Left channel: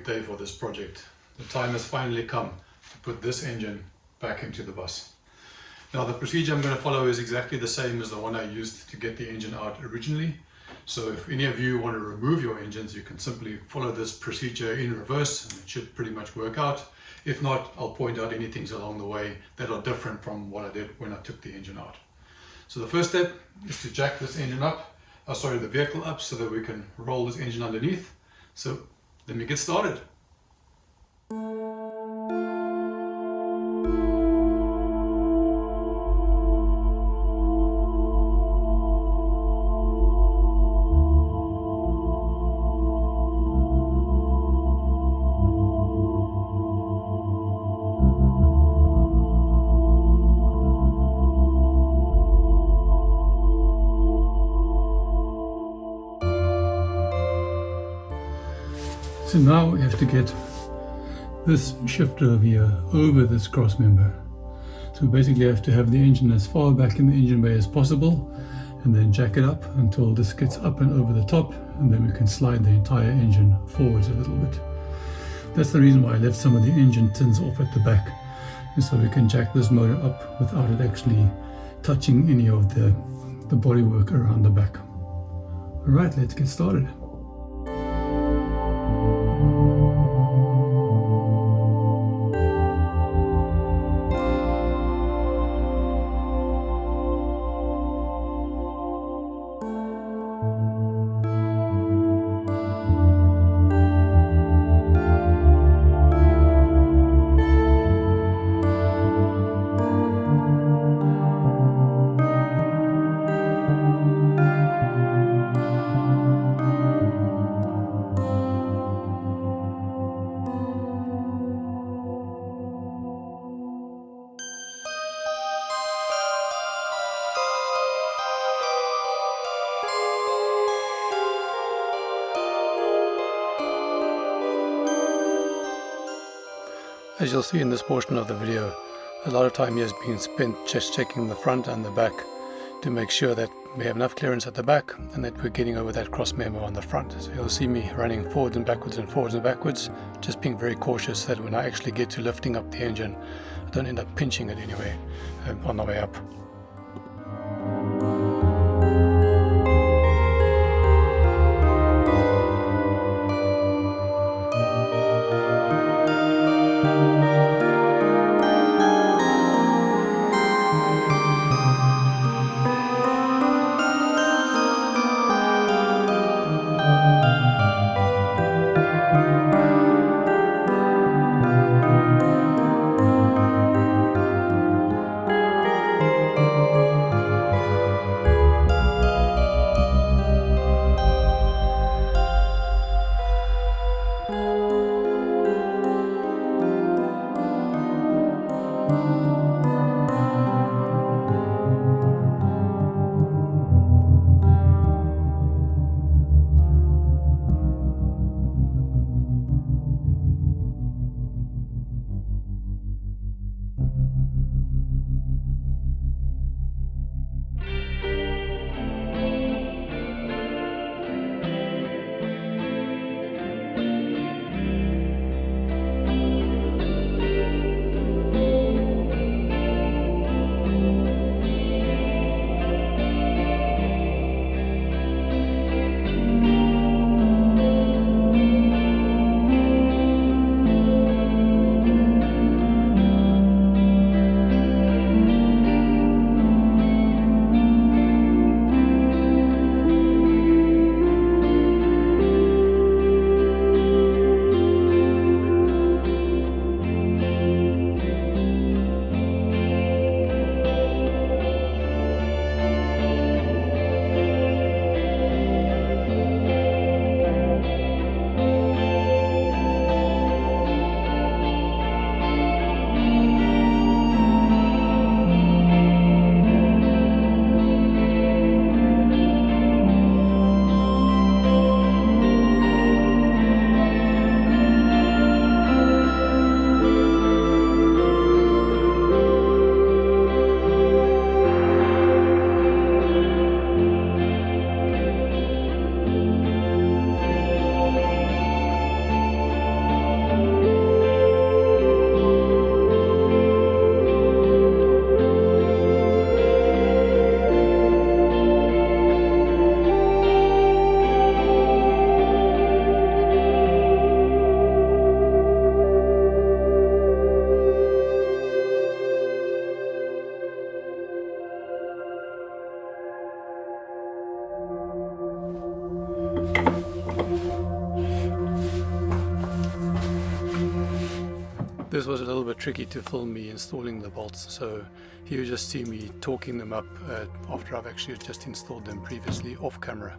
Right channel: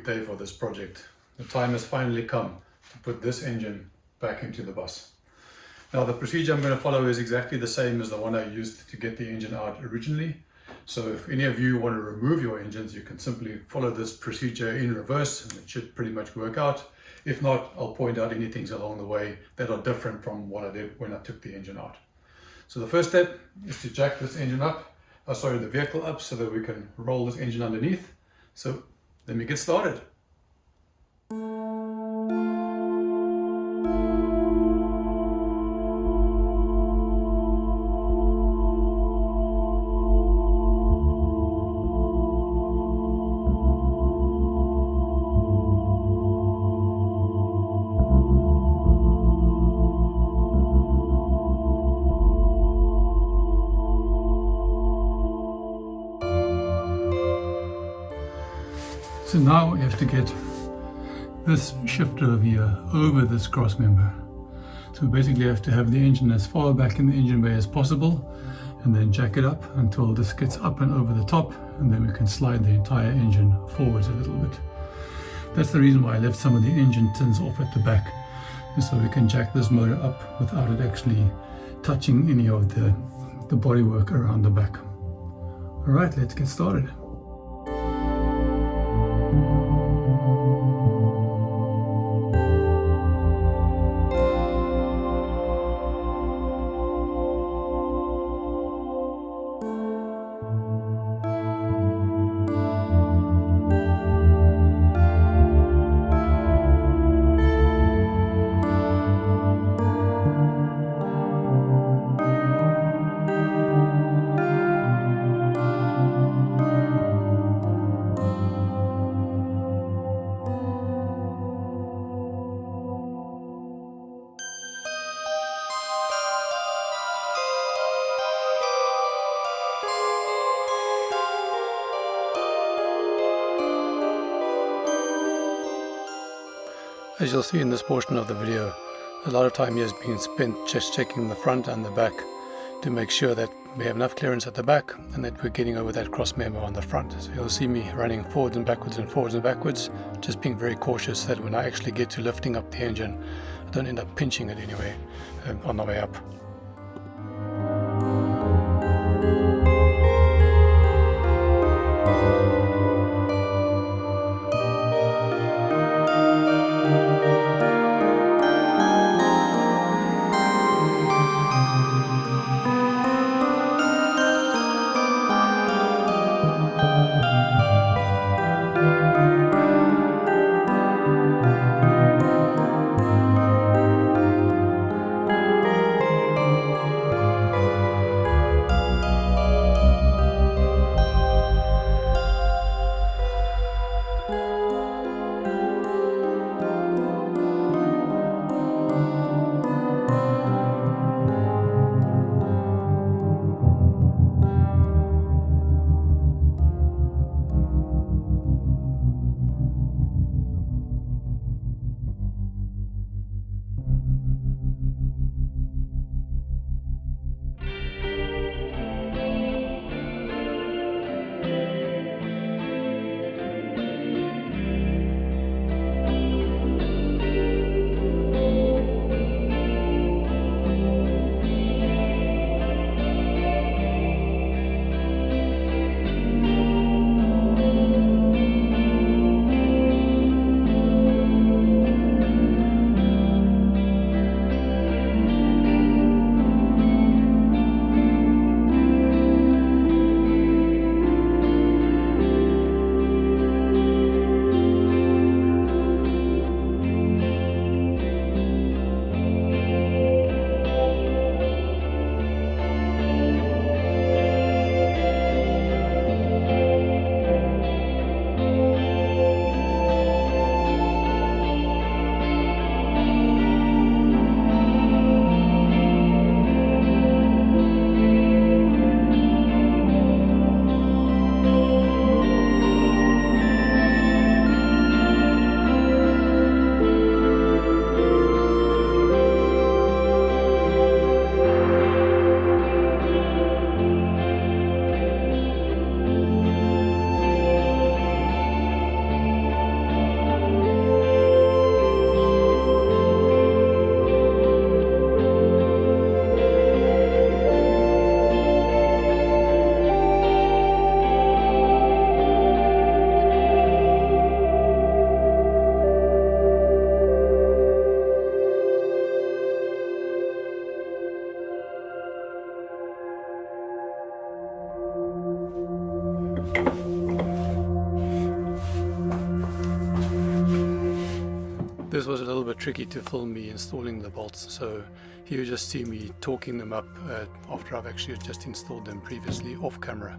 big day for this project. The time has finally come to put this engine back into the bus. Now the procedure I'm going to follow is exactly the same as the one I used to get the engine out originally. So if any of you want to remove your engines, you can simply follow this procedure in reverse and it should pretty much work out. If not, I'll point out any things along the way that are different from what I did when I took the engine out. So the first step is to jack this engine up, the vehicle up, so that we can roll this engine underneath. So let me get started. So now we have to get this shifter here over this cross member. So we basically have to have the engine as far back in the engine bay as possible and then jack it up until this gets up and over the top, and then we can slide the entire engine forwards a little bit. That's the reason why I left some of the engine tins off at the back, and so we can jack this motor up without it actually touching any of the bodywork around the back. Alright, let's get started. As you'll see in this portion of the video, a lot of time here has been spent just checking the front and the back to make sure that we have enough clearance at the back and that we're getting over that cross member on the front. So you'll see me running forwards and backwards, just being very cautious that when I actually get to lifting up the engine, I don't end up pinching it anyway on the way up. This was a little bit tricky to film me installing the bolts, so you just see me torquing them up after I've actually just installed them previously off camera.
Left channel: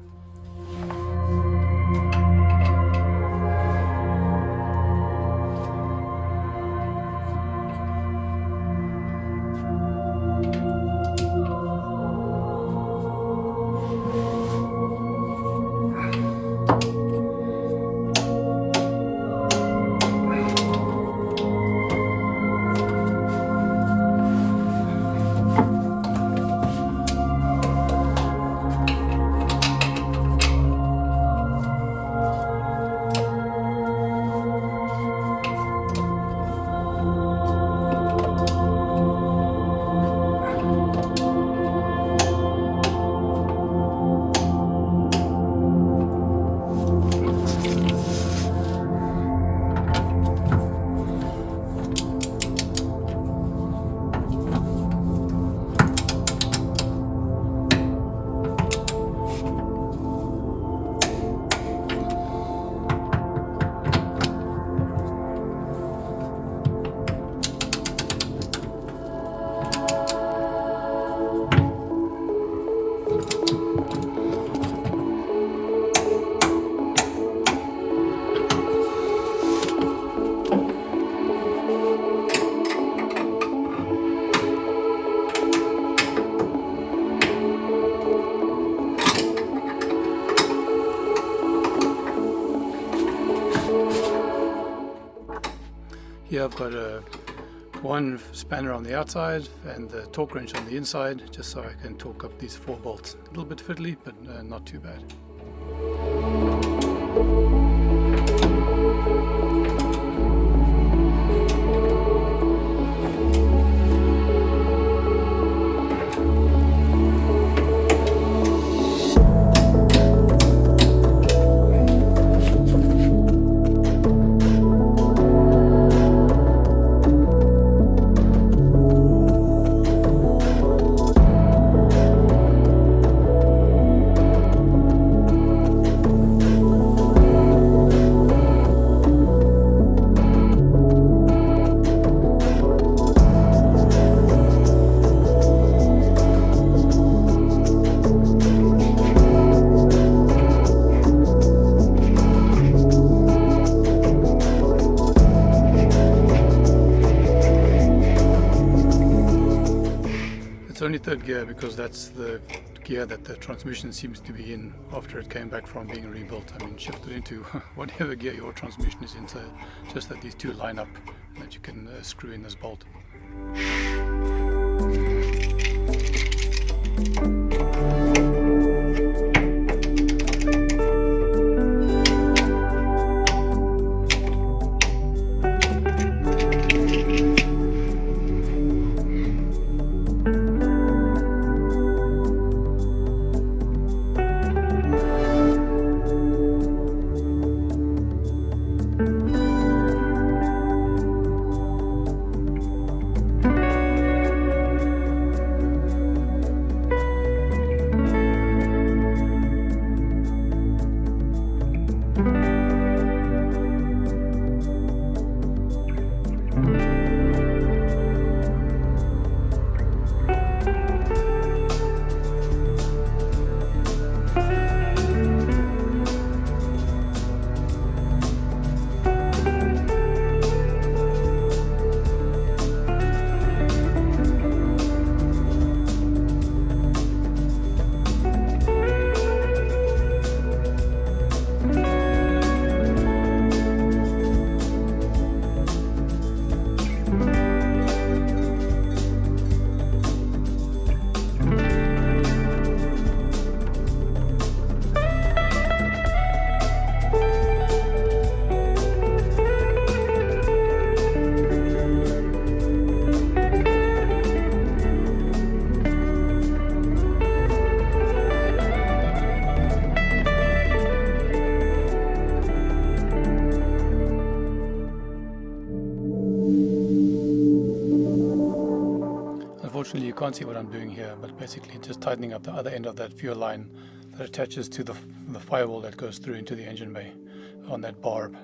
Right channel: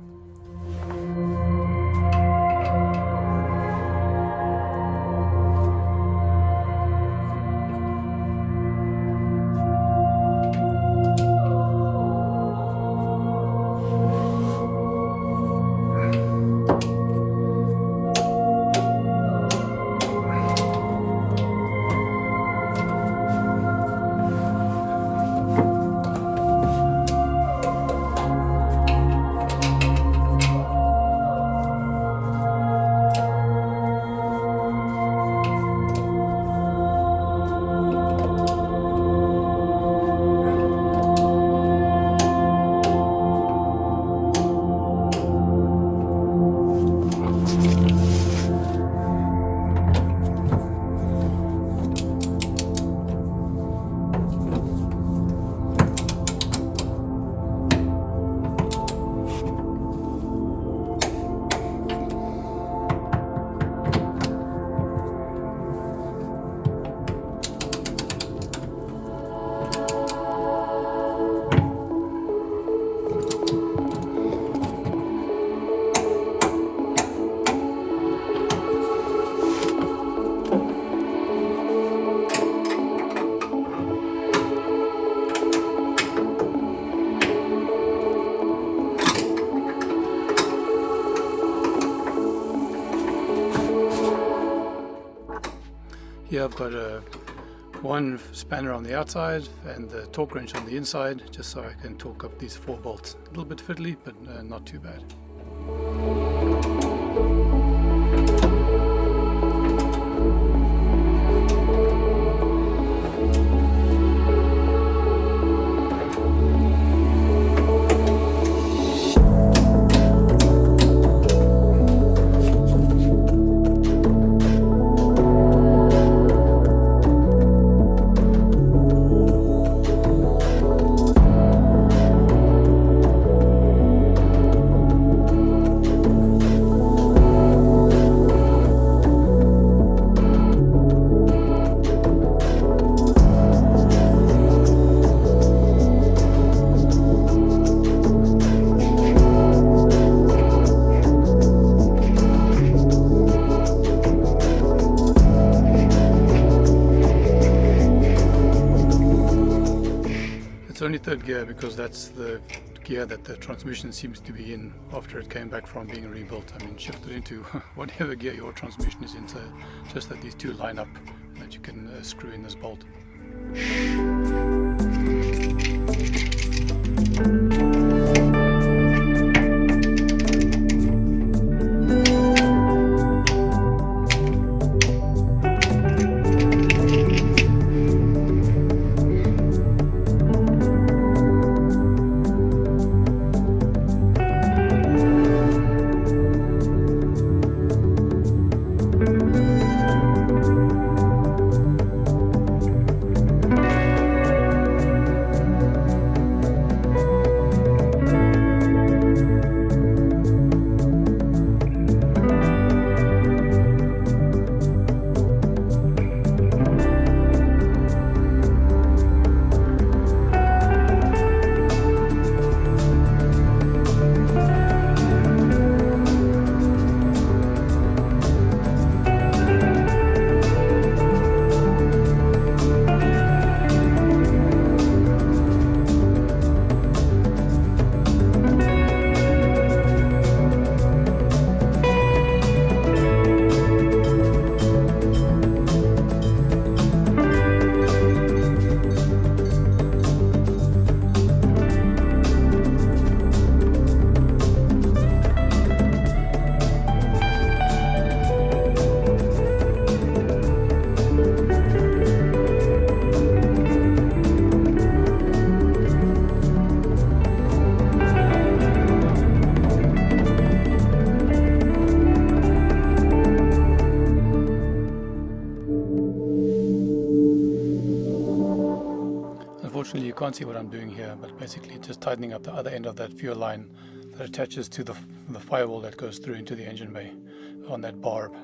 Here I've got one spanner on the outside and the torque wrench on the inside, just so I can torque up these 4 bolts. A little bit fiddly, but not too bad. It's only 3rd gear because that's the gear that the transmission seems to be in after it came back from being rebuilt. I mean, shifted into whatever gear your transmission is in, so just that these two line up and that you can screw in this bolt. Unfortunately you can't see what I'm doing here, but basically just tightening up the other end of that fuel line that attaches to the firewall that goes through into the engine bay on that barb.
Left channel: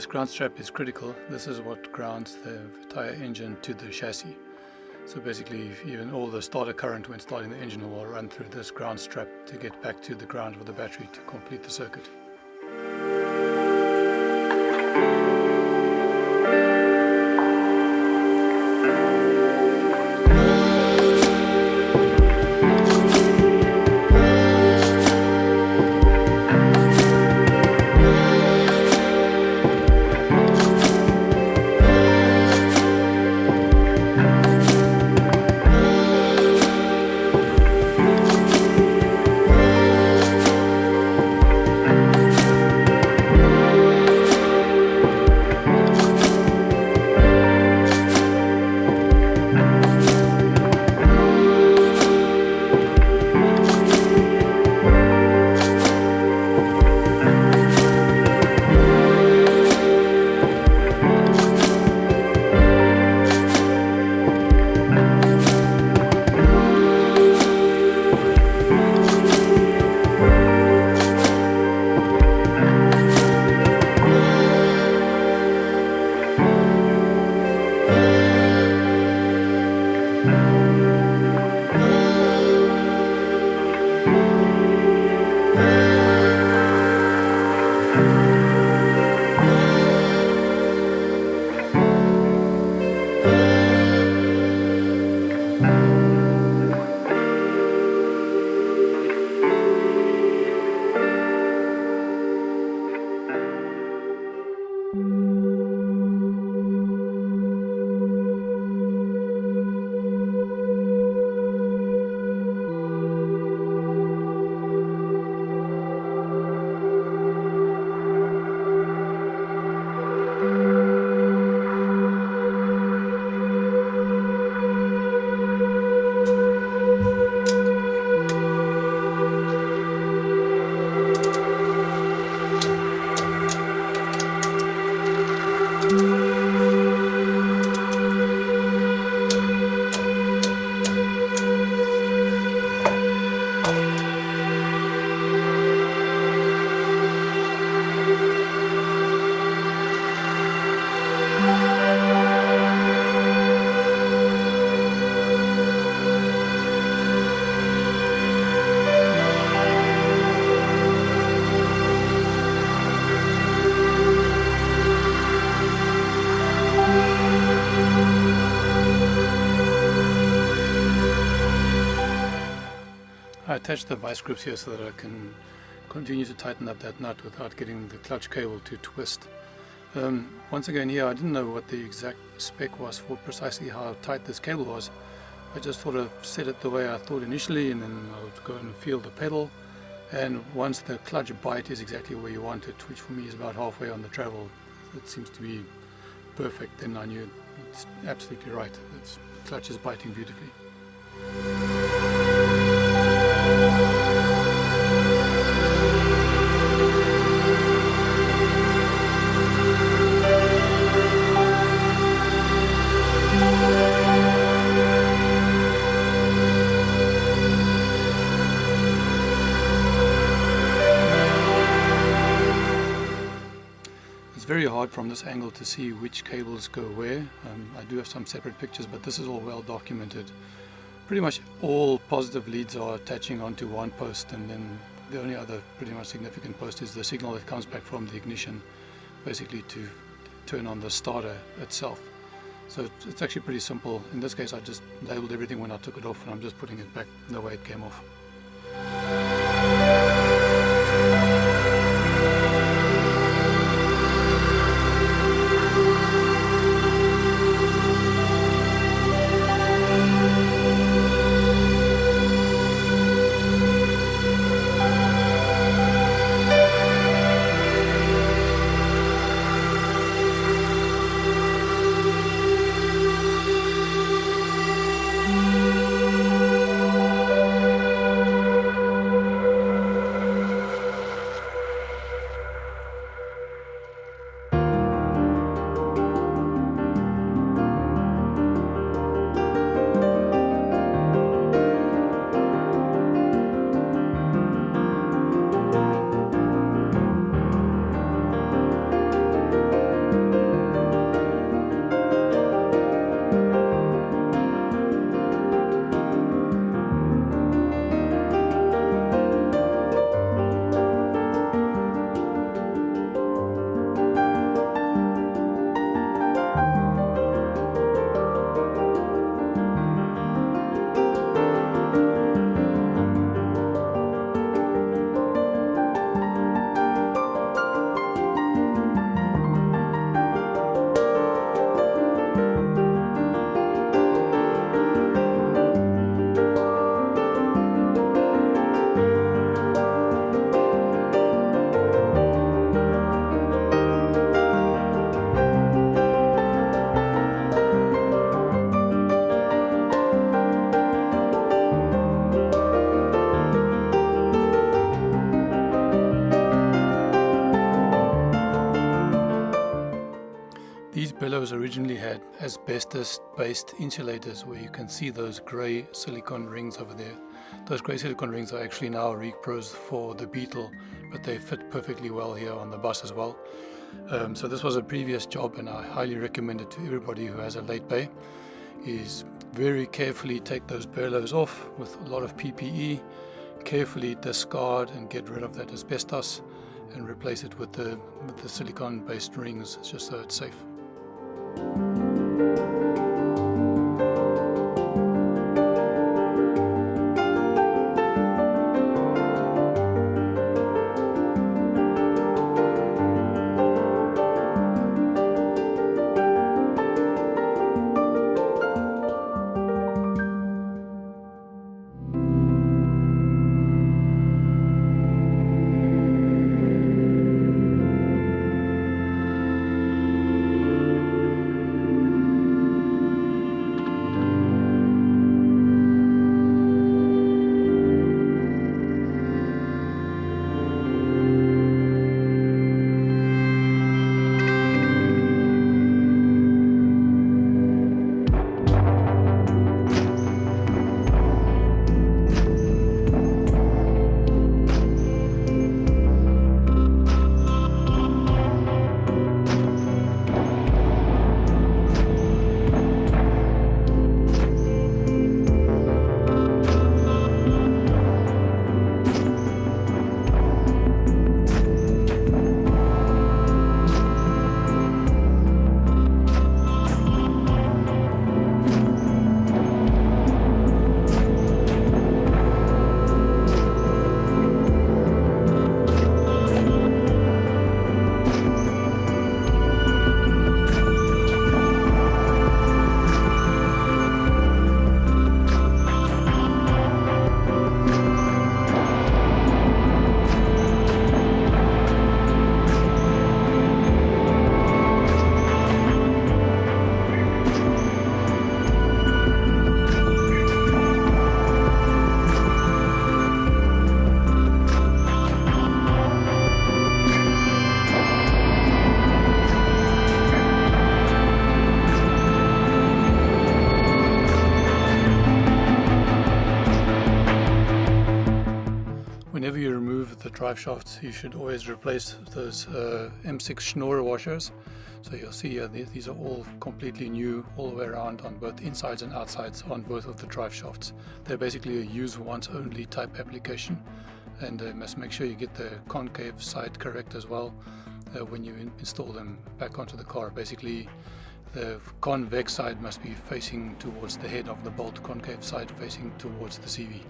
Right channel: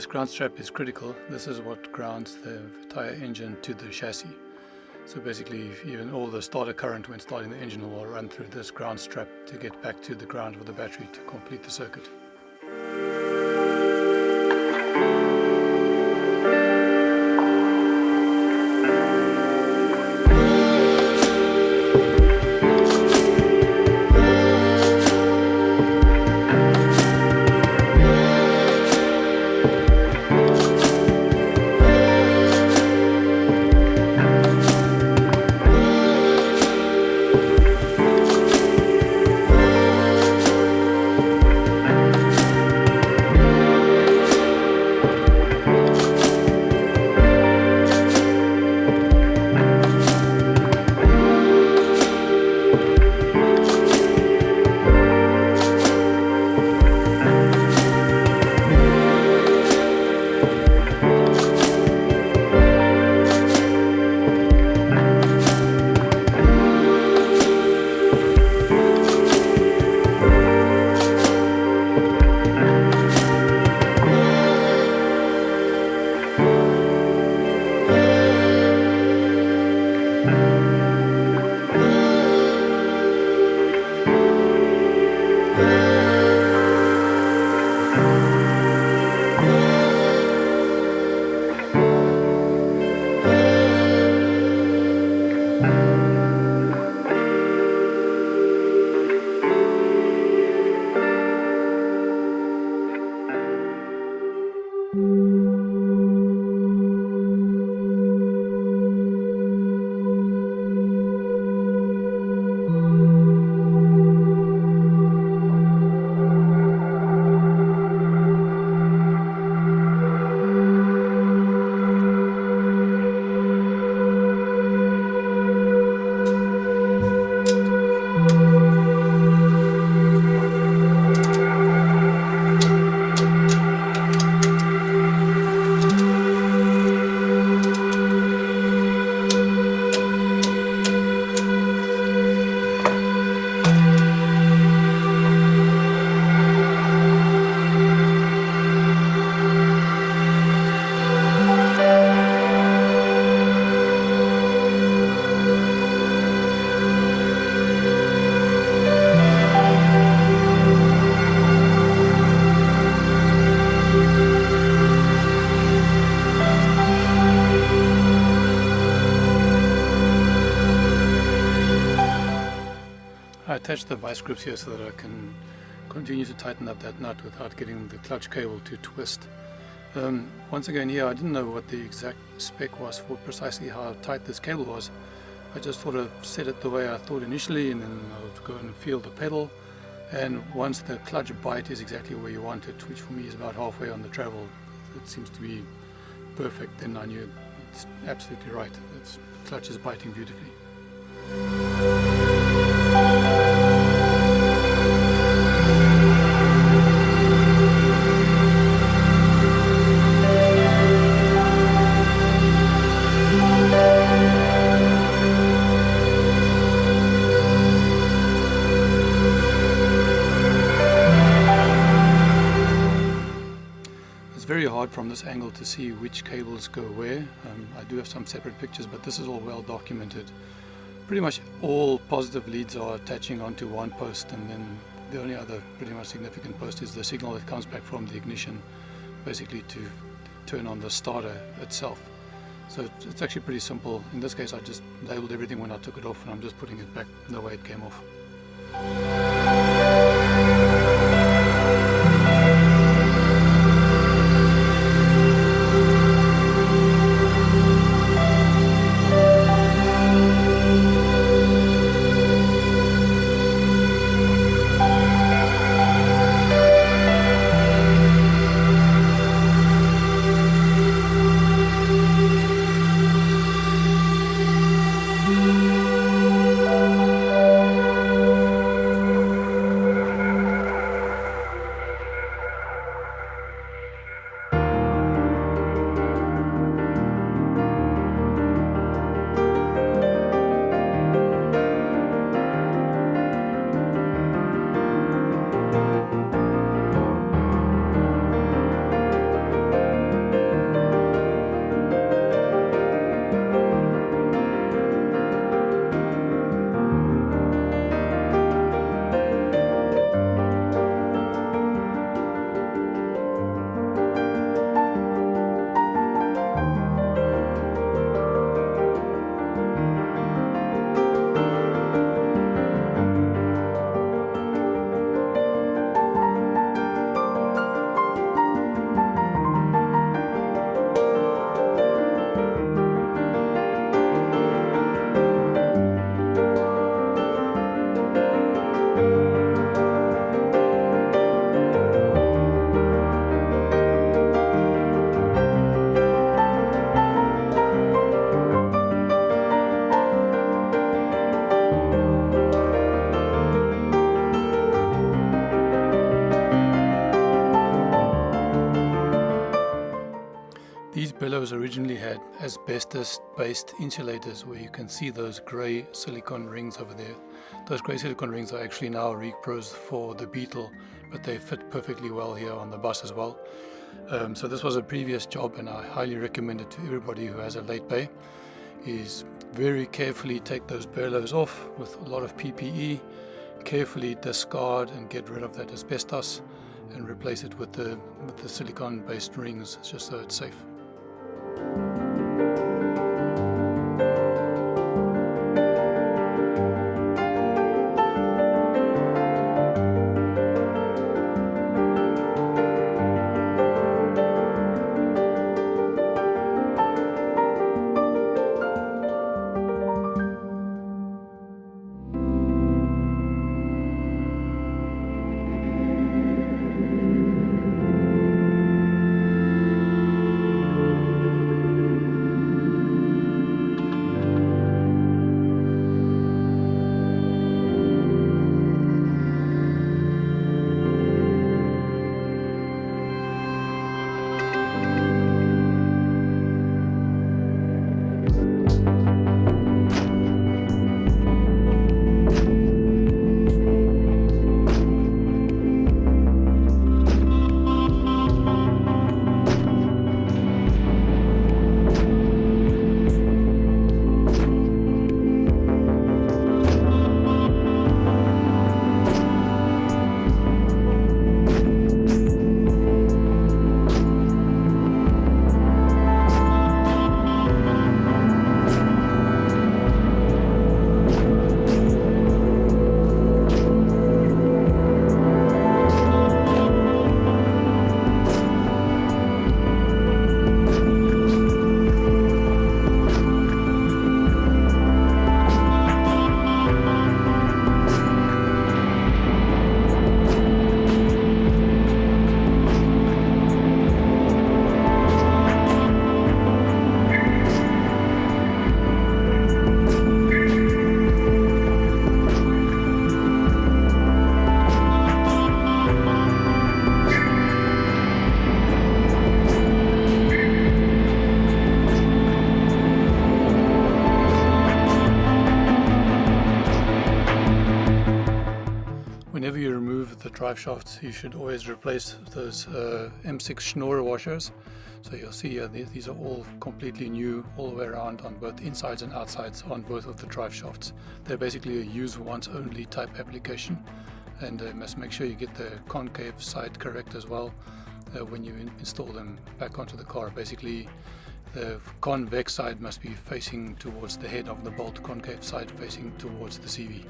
This ground strap is critical. This is what grounds the entire engine to the chassis. So basically, even all the starter current when starting the engine will run through this ground strap to get back to the ground with the battery to complete the circuit. I attached the vice grips here so that I can continue to tighten up that nut without getting the clutch cable to twist. Once again here, I didn't know what the exact spec was for precisely how tight this cable was. I just thought I'd set it the way I thought initially, and then I would go and feel the pedal, and once the clutch bite is exactly where you want it, which for me is about halfway on the travel, it seems to be perfect, then I knew it's absolutely right. The clutch is biting beautifully. It's very hard from this angle to see which cables go where. I do have some separate pictures, but this is all well documented. Pretty much all positive leads are attaching onto one post, and then the only other pretty much significant post is the signal that comes back from the ignition, basically to turn on the starter itself. So it's actually pretty simple. In this case, I just labeled everything when I took it off, and I'm just putting it back the way it came off. originally had asbestos-based insulators where you can see those grey silicone rings over there. Those grey silicone rings are actually now repros for the Beetle, but they fit perfectly well here on the bus as well. So this was a previous job, and I highly recommend it to everybody who has a late bay. Is very carefully take those bellows off with a lot of PPE, carefully discard and get rid of that asbestos, and replace it with the silicone-based rings, just so it's safe. Whenever you remove the drive shafts, you should always replace those M6 Schnorr washers. So you'll see these are all completely new all the way around on both insides and outsides on both of the drive shafts. They're basically a use once only type application, and you must make sure you get the concave side correct as well when you install them back onto the car. Basically, the convex side must be facing towards the head of the bolt, concave side facing towards the CV.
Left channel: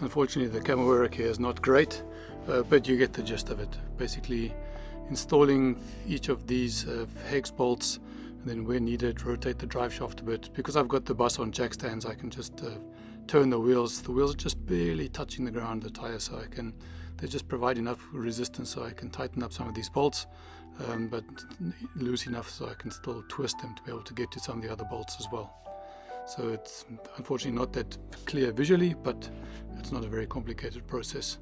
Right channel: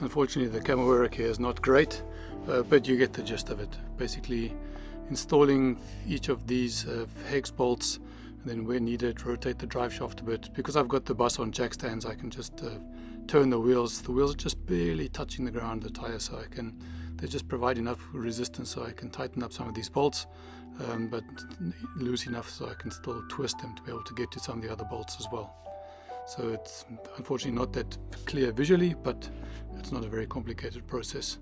Unfortunately, the camera work here is not great, but you get the gist of it. Basically, installing each of these hex bolts, and then where needed, rotate the drive shaft a bit. Because I've got the bus on jack stands, I can just turn the wheels. The wheels are just barely touching the ground, the tires, so they just provide enough resistance so I can tighten up some of these bolts, but loose enough so I can still twist them to be able to get to some of the other bolts as well. So it's unfortunately not that clear visually, but it's not a very complicated process.